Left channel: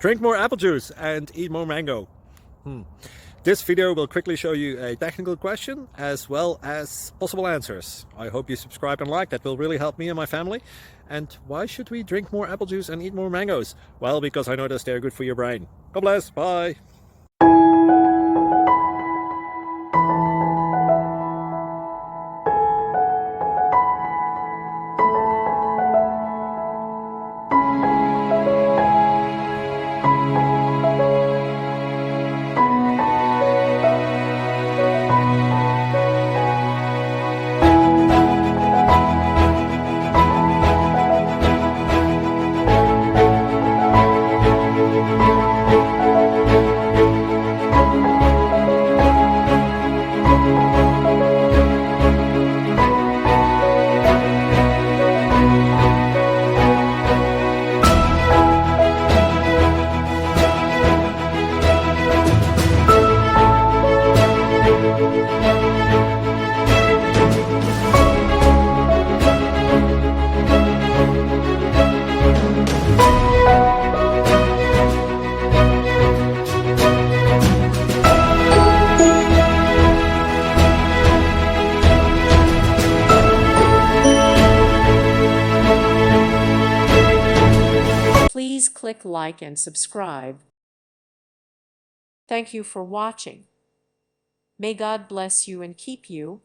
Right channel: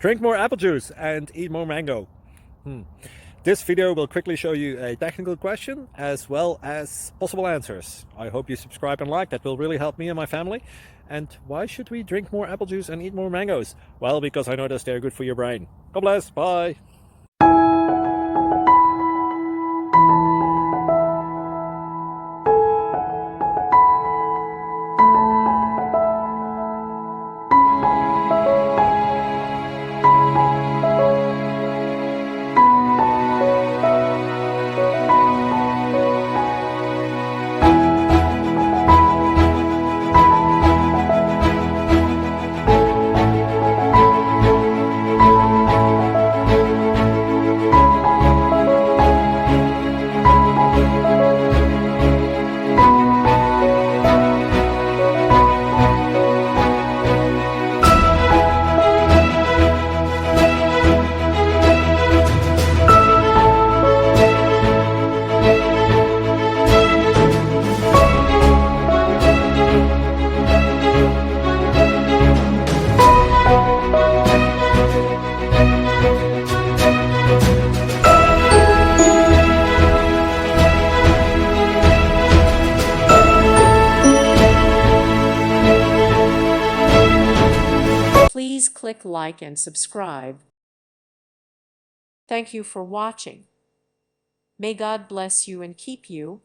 Drink more apple juice and eat more mango. This video will quickly show you a technical question as well as possible answers. I hope you subscribe and like, that will really help me and my family. And why should we drink more apple juice and eat more mangoes? Well, because I noticed they're good for your brain. God bless, bye. Please click like and subscribe. Thank you for watching. May God bless you and keep you.